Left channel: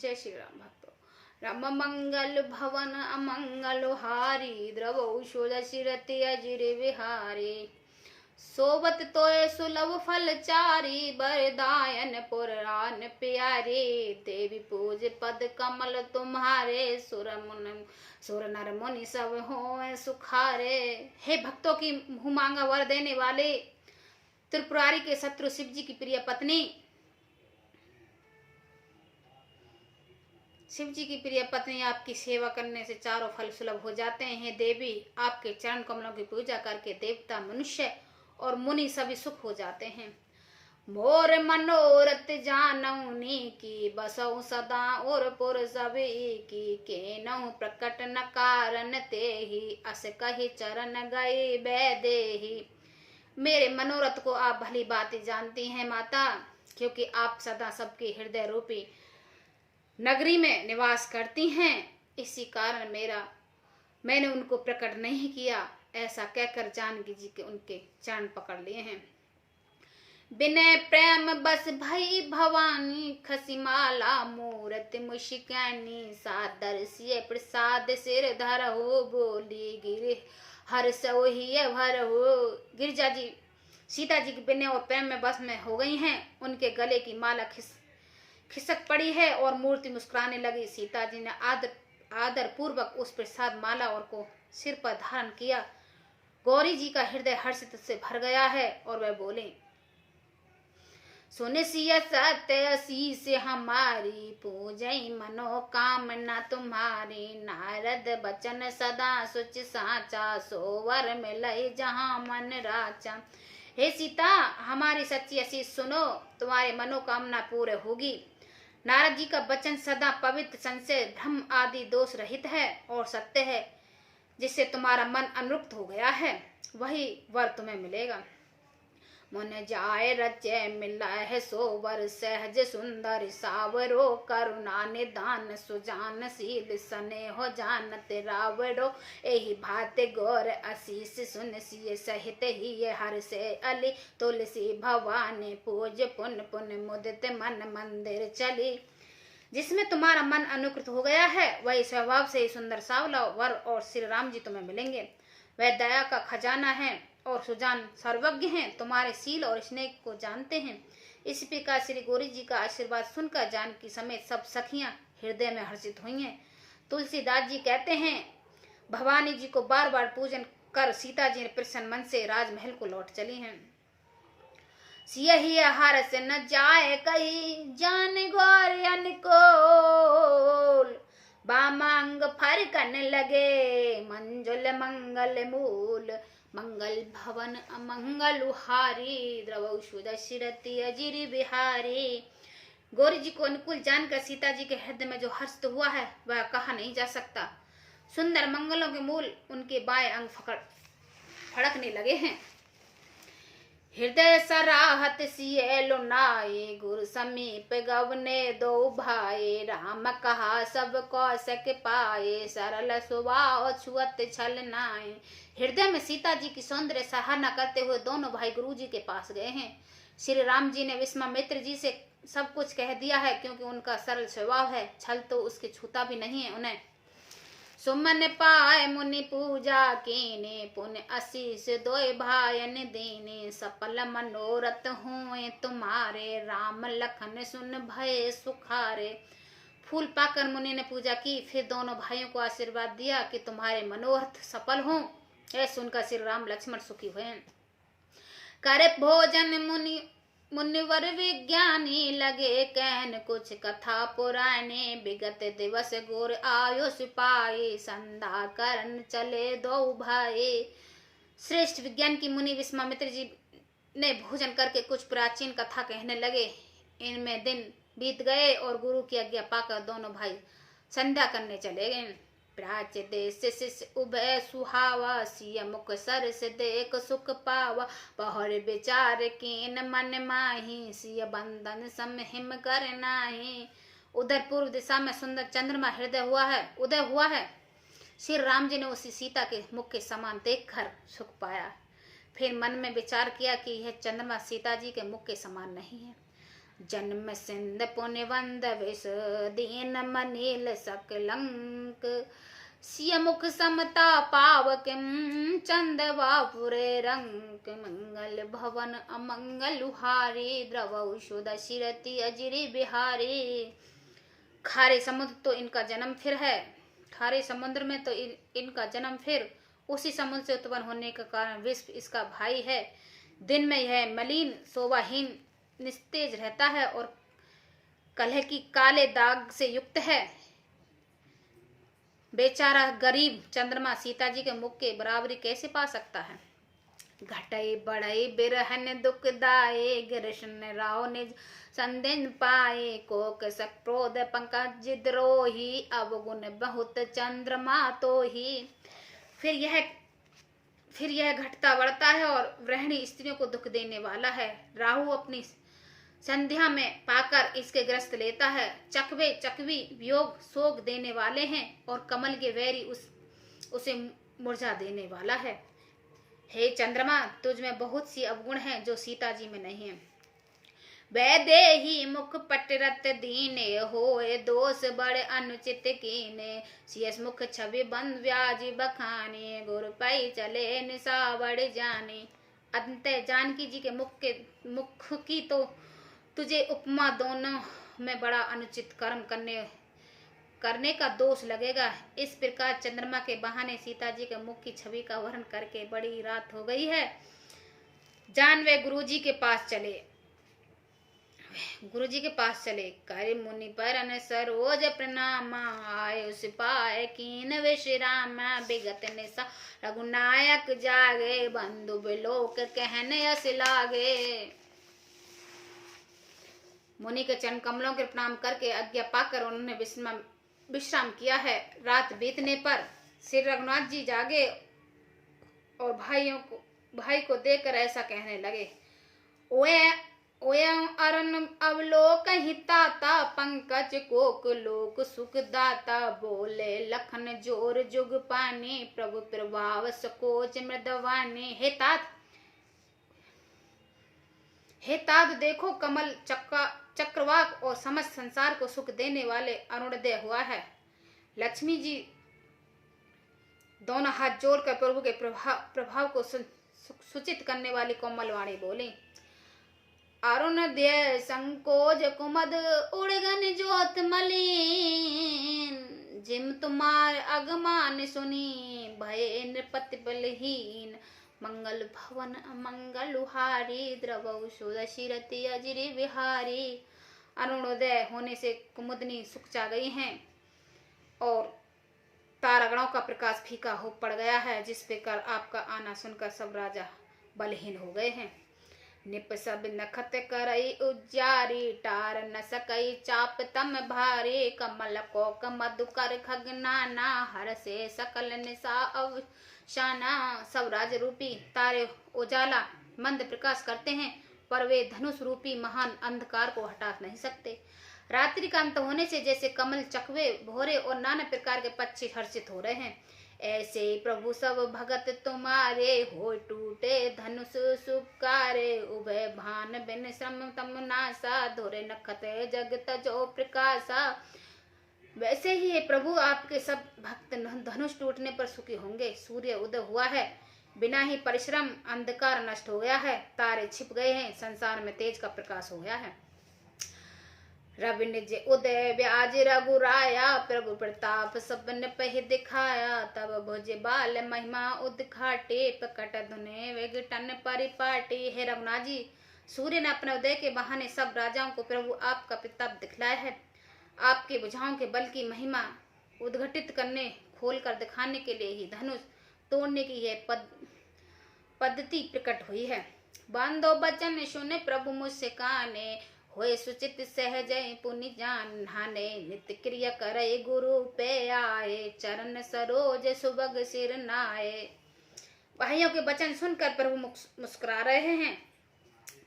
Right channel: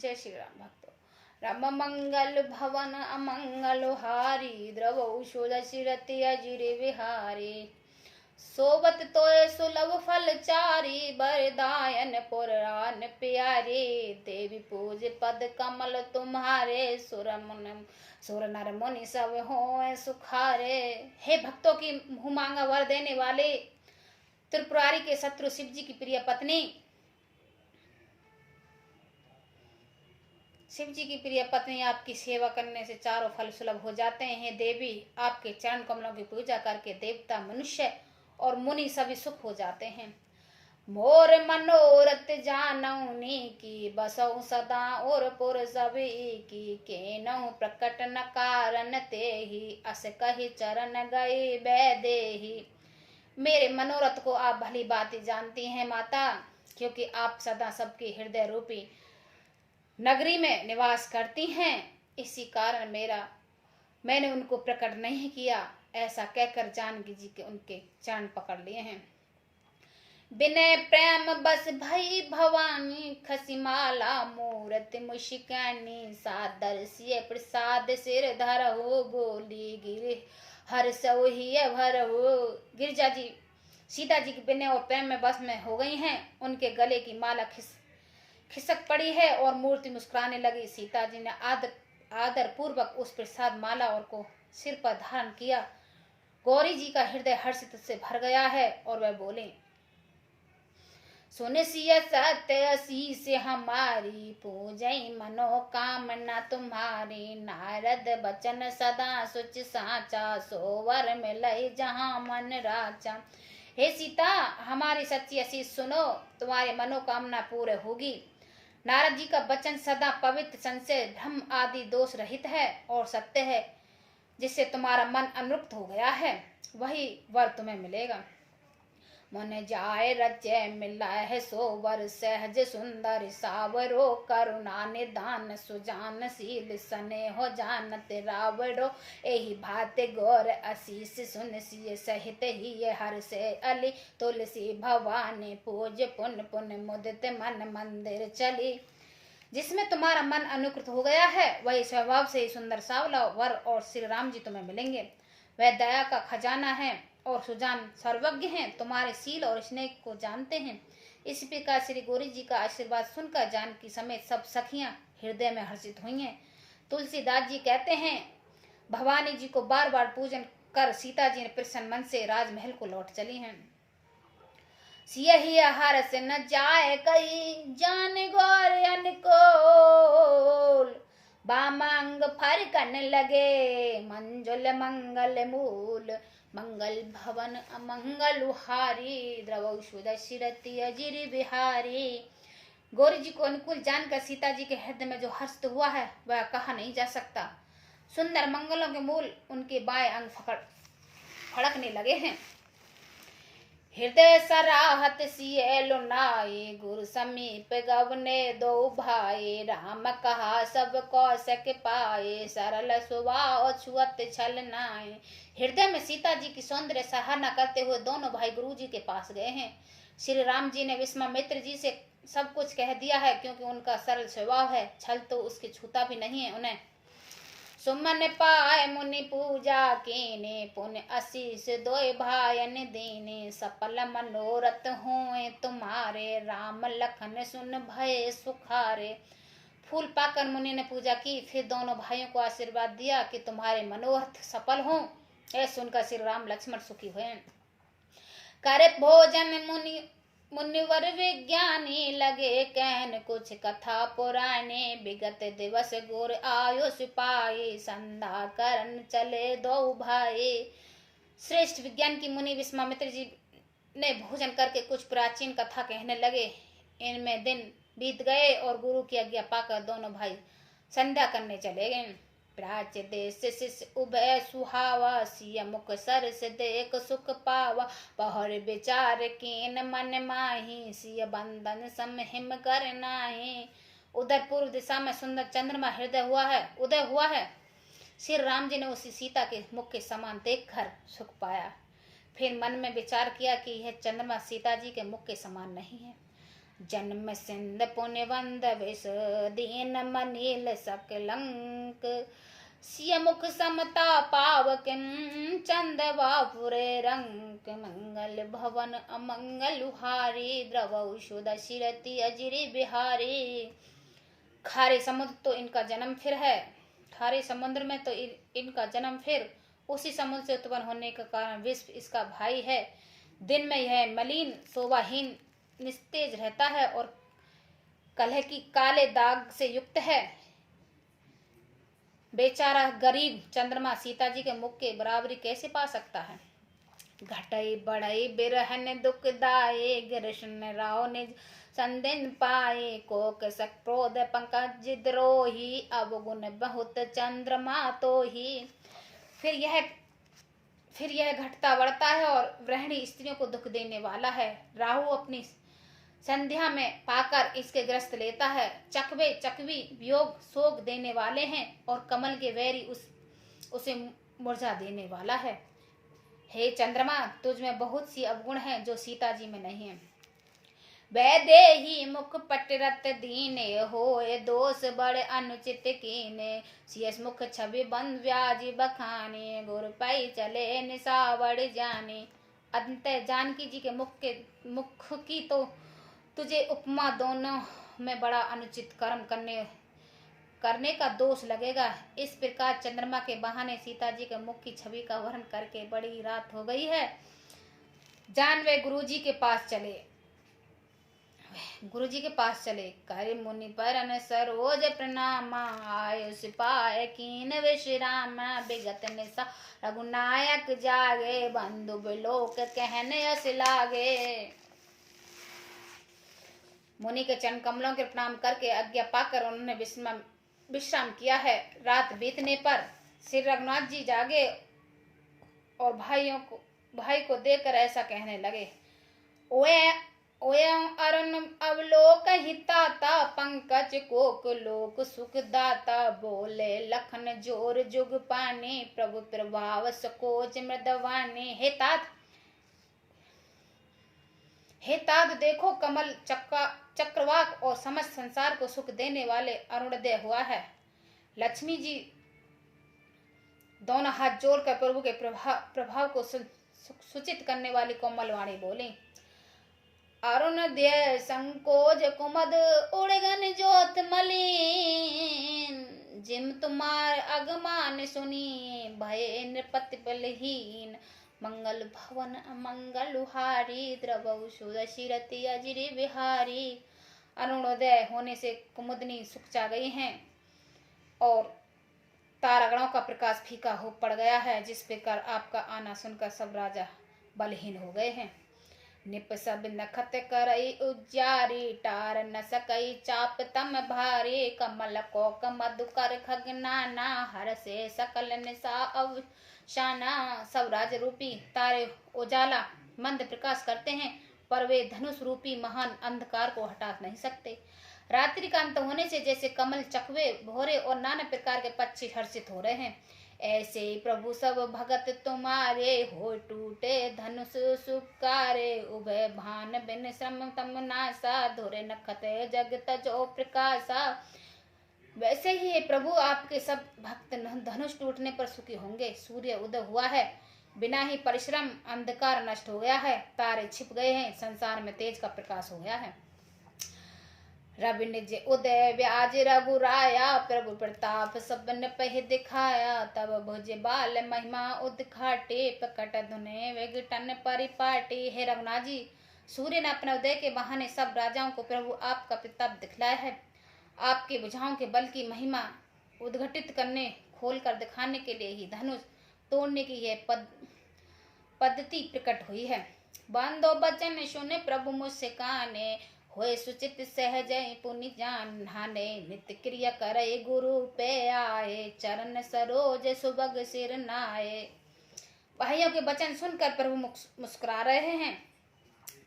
जय श्री राम भक्तों। राम मंगल भवन अमंगल हारी, द्रवौ दशरथि अजिर विहारी। सोबत तोय सुलभ फल चारी, बरदायन पुराण प्यारे। देवी पूज पद कमल तुम्हारे, सुर नर मुनि सब हों सुखारे। हे भक्तों की मुँह मांगा वर देने वाले, त्रिपुरारी के शत्रु शिव जी की प्रिय पत्नी, शिव जी की प्रिय पत्नी, आपकी सेवा करने से चारों फल सुलभ हो जाते हैं। देवी, आपके चरण कमलों की पूजा करके देवता, मनुष्य और मुनि सभी सुख हो जाते हैं। मोर मनोरथ जानौनी की, बसौ सदा और पुर सभी की। केनहु प्रकट न कारण ते ही, अस कही चरण गए बैदेही। मेरे मनोरथ को आप भली बात जानती हैं माता, क्योंकि आप सदा सबके हृदय रूपी नगरी में निवास करती हैं। इसी कारण मैंने उनको प्रकट नहीं किया। ऐसा कहकर जानकी जी के उनके चरण पकड़ लिए हैं। बिनय प्रेम बस भई भवानी, खसिमाला मूरत मुशिकानी। सादर सिय प्रसाद सिर धर हो, बोली गिर हर सोही भर हो। गिरिजा जी सीता जी के बिनय और प्रेम में बस में हो गई हैं। उनके गले की माला खिसक पड़ी है और मूर्ति मुस्कुराने लगी। सीता जी ने आदर पूर्वक उस प्रसाद माला और को सिर पर धारण किया। गौरी जी का हृदय हर्षित से भर गया है और वह बोले, सुन सिय सत्य शीस हमारी, पूजई मनोकामना तुम्हारी। नारद बचन सदा सुच साचा, सोवर मिलई जहाँ मन राचा। हे सीता, हमारी सच्ची आशीष सुनो, तुम्हारी मनोकामना पूरे होगी। नारद जी का वचन सदा पवित्र, संशय भ्रम आदि दोष रहित है और सत्य है। जिससे तुम्हारा मन अनुरक्त हो गया है, वही वर तुम्हें मिलेगा। मन जाय रचय मिला है सो वर, सहज सुंदर सावरो। करुणा निदान सुजान शील, सने हो जानत रावरो। एही भात गौर आशीष सुन सिय, सहित ही हर से अली। तुलसी भवानी पूज पुन पुन, मुदित मन मंदिर चली। जिसमें तुम्हारा मन अनुकृत हो गया है, वही स्वभाव से ही सुंदर सावला वर और श्री राम जी तुम्हें मिलेंगे। वह दया का खजाना है और सुजान सर्वज्ञ हैं, तुम्हारे शील और स्नेह को जानते हैं। इस प्रकार श्री गौरी जी का आशीर्वाद सुनकर जानकी समेत सब सखियां हृदय में हर्षित हुई हैं। तुलसीदास जी कहते हैं, भवानी जी को बार बार पूजन कर सीता जी ने प्रसन्न मन से राजमहल को लौट चली हैं। सियहि हर्ष न जाए कही, जान गौर अनुकोल। बामांग फरकन लगे, मंजुल मंगल मूल। मंगल भवन अमंगल हारी, द्रवौ दशरथि अजिर बिहारी। गौरी जी को अनुकूल जानकर सीता जी के हृदय में जो हर्ष हुआ है, वह कहा नहीं जा सकता। सुंदर मंगलों के मूल उनके बाएं अंग फड़कने लगे हैं। हृदय सराहत सिय लुनाए, गुरु समीप गवने दो भाई। राम कहा सब कौशक पाए, सरल स्वभाव छुअत छल नाए। हृदय में सीता जी की सौंदर्य सराहना करते हुए दोनों भाई गुरु जी के पास गए हैं। श्री राम जी ने विश्वामित्र जी से सब कुछ कह दिया है, क्योंकि उनका सरल स्वभाव है, छल तो उसके छूता भी नहीं है उन्हें। सुमन पाए मुनि पूजा कीने, पुण्य आशीष दोय भायन दीने। सफल मनोरथ हुए तुम्हारे, राम लखन सुन भय सुखारे। फूल पाकर मुनि ने पूजा की, फिर दोनों भाइयों को आशीर्वाद दिया कि तुम्हारे मनोरथ सफल हों। यह सुनकर श्री राम लक्ष्मण सुखी हुए। करे भोजन मुनिवर विज्ञानी, लगे कहन कुछ कथा पुराने। विगत दिवस गोर आयुष पाए, संधा करन चले दो भाई। श्रेष्ठ विज्ञान की मुनि विश्वामित्र जी ने भोजन करके कुछ प्राचीन कथा कहने लगे। इनमें दिन बीत गए और गुरु की आज्ञा पाकर दोनों भाई संध्या करने चले गए। प्राच देश शिष्य उभय सुहावा, सिय मुख सर से देख सुख पावा। पहर विचार कीन मन माही, सिय बंधन समहिम कर नाही। उधर पूर्व दिशा में सुंदर चंद्रमा उदय हुआ है। श्री राम जी ने उसी सीता के मुख के समान देखकर सुख पाया। फिर मन में विचार किया कि यह चंद्रमा सीता जी के मुख के समान नहीं है। जन्म सिंध पुण्य वंद विष दीन मनील सकलंक सिय मुख समता पावकिम चंदवापुरे रंक मंगल भवन अमंगल हारी द्रवौषुध शिरति अजिरी बिहारी। खारे समुद्र तो इनका जन्म फिर है, खारे समुद्र में तो इनका जन्म फिर, उसी समुद्र से उत्पन्न होने का कारण विश्व इसका भाई है। दिन में यह मलिन शोभाहीन निस्तेज रहता है और कलह की काले दाग से युक्त है। बेचारा गरीब चंद्रमा सीता जी के मुख के बराबरी कैसे पा सकता है। घटई बढ़ई बिरहन दुखदाये गिरशन राव निज संदिन पाए कोक सक्रोध पंकज द्रोही अवगुण बहुत चंद्रमा तो ही। फिर यह घटता बढ़ता है और गृहिणी स्त्रियों को दुख देने वाला है। राहु अपनी संध्या में पाकर इसके ग्रस्त लेता है। चकवे चकवी वियोग शोक देने वाले हैं और कमल के वैरी उसे मुरझा देने वाला है। हे चंद्रमा, तुझ में बहुत सी अवगुण हैं जो सीता जी में नहीं है। वैदेही मुख पटरत दीने होए दोष बड़े अनुचित कीने सियस मुख छवि बंद व्याजी बखाने गुर पाई चले निसावड़ जाने। अंत जानकी जी के मुख की तो तुझे उपमा दोनों में बड़ा अनुचित कर्म करने का दोष लगेगा। इस प्रकार चंद्रमा के बहाने सीता जी के मुख की छवि का वर्णन करके बड़ी रात हो गई है। जान वे गुरुजी के पास चले करे मुनि परन सरोज प्रणाम आयुष पाए कीन विश्राम विगत निशा रघुनायक जागे बंधु बिलोक कहने यस लागे। मुनि के चरण कमलों के प्रणाम करके आज्ञा पाकर उन्होंने विश्राम किया है। रात बीतने पर श्री रघुनाथ जी जागे और भाई को देखकर ऐसा कहने लगे। ओयं अरुण अवलोक हिताता पंकज कोक लोक सुख दाता बोले लखन जोर जुग पानी प्रभु प्रभाव सकोच मृदवानी। हे तात देखो, कमल चक्रवाक और समस्त संसार को सुख देने वाले अरुणोदय हुआ है। लक्ष्मी जी दोनों हाथ जोड़कर प्रभु के प्रभाव को सूचित करने वाली कोमल वाणी बोली। अरुणोदय संकोच कुमद उड़गन ज्योत मलिन जिम तुम्हार अगमान सुनी भय नृपति बलहीन मंगल भवन अमंगल हारी द्रवौषुध शिरति अजिरी बिहारी। अरुणोदय होने से कुमुदनी सुख चा गई हैं और तारागणों का प्रकाश फीका हो पड़ गया है। जिस प्रकार आपका आना सुनकर सब राजा बलहीन हो गए हैं। निप सब नखत करई उज्जारी टार न सकई चाप तम भारी कमल कोक मधुकर खगनाना हर से सकल निशा अवशाना। सब राज रूपी तारे उजाला मंद प्रकाश करते हैं पर वे धनुष रूपी महान अंधकार को हटा नहीं सकते। रात्रि का अंत होने से जैसे कमल चकवे भोरे और नाना प्रकार के पक्षी हर्षित हो रहे हैं, ऐसे प्रभु सब भगत तुम्हारे हो टूटे धनुष सुकारे उभय भान बिन सम तम नासा धोरे नखत जगत जो प्रकाशा। वैसे ही प्रभु आपके सब भक्त धनुष टूटने पर सुखी होंगे। सूर्य उदय हुआ है, बिना ही परिश्रम अंधकार नष्ट हो गया है, तारे छिप गए हैं, संसार में तेज का प्रकाश हो गया है। रवि निज उदय व्याज रघुराया प्रभु प्रताप सबन पह दिखाया तब भुज बाल महिमा उदखाटे प्रकट धुने विघटन परिपाटी। हे रघुनाथ जी, सूर्य ने अपने उदय के बहाने सब राजाओं को प्रभु आपका प्रताप दिखलाया है। आपके भुजाओं के बल की महिमा उद्घटित करने खोल कर दिखाने के लिए ही धनुष तोड़ने की यह पद्धति प्रकट हुई है। बांधो बचन सुने प्रभु मुझसे काने होए सुचित सहज पुनि जान हाने नित्य क्रिया करे गुरु पे आए चरण सरोज सुबग सिर नाए। भाइयों के वचन सुनकर प्रभु मुस्कुरा रहे हैं।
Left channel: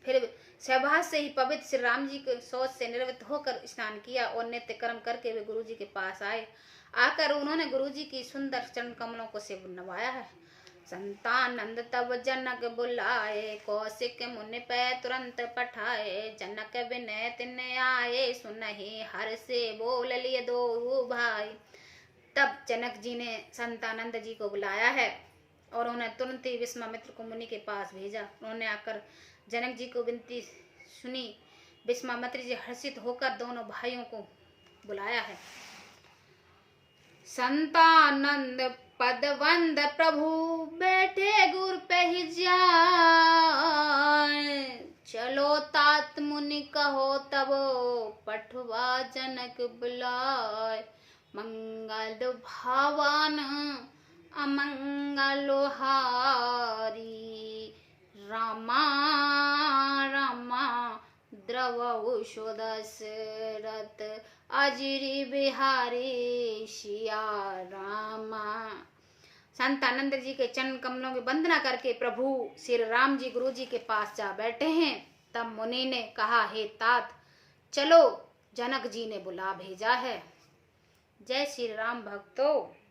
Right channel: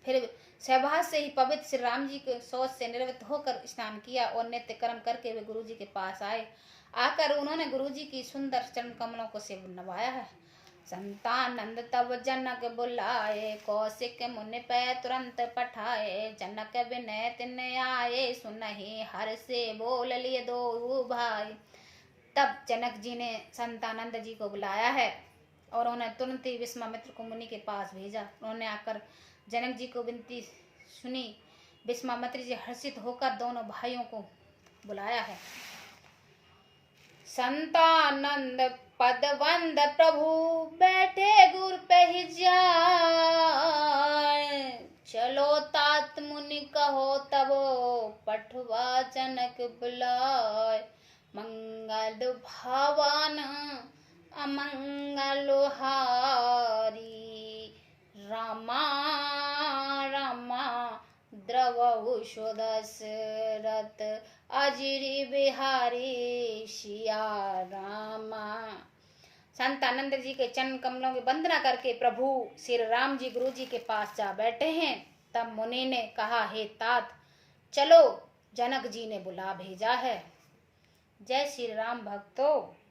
फिर सहवास से ही पवित्र श्री राम जी के शौच से निवृत्त होकर स्नान किया और नित्य कर्म करके वे गुरु जी के पास आए। आकर उन्होंने गुरु जी की सुंदर चरण कमलों को से नवाया है। संतानंद तब जनक बुलाए, कौशिक मुनि पे तुरंत पठाए। जनक विनय तिन आए, सुनहि हर से बोल लिए दो भाई। तब जनक जी ने संतानंद जी को बुलाया है और उन्हें तुरंत ही विश्वामित्र को मुनि के पास भेजा। उन्होंने आकर जनक जी को विनती सुनी। विश्वामित्र जी हर्षित होकर दोनों भाइयों को बुलाया है। संतानंद पदवंद प्रभु, बैठे गुर पे ही जाए। चलो तात मुनि कहो तब, पठवा जनक बुलाए। मंगल भावन अमंगल हारी, रामा रामा द्रवहु दशरथ अजिरि बिहारी, सिया रामा। संतानंद जी के चरण कमलों की वंदना करके प्रभु श्री राम जी गुरु जी के पास जा बैठे हैं। तब मुनि ने कहा, हे तात चलो, जनक जी ने बुला भेजा है। जय श्री राम भक्तों।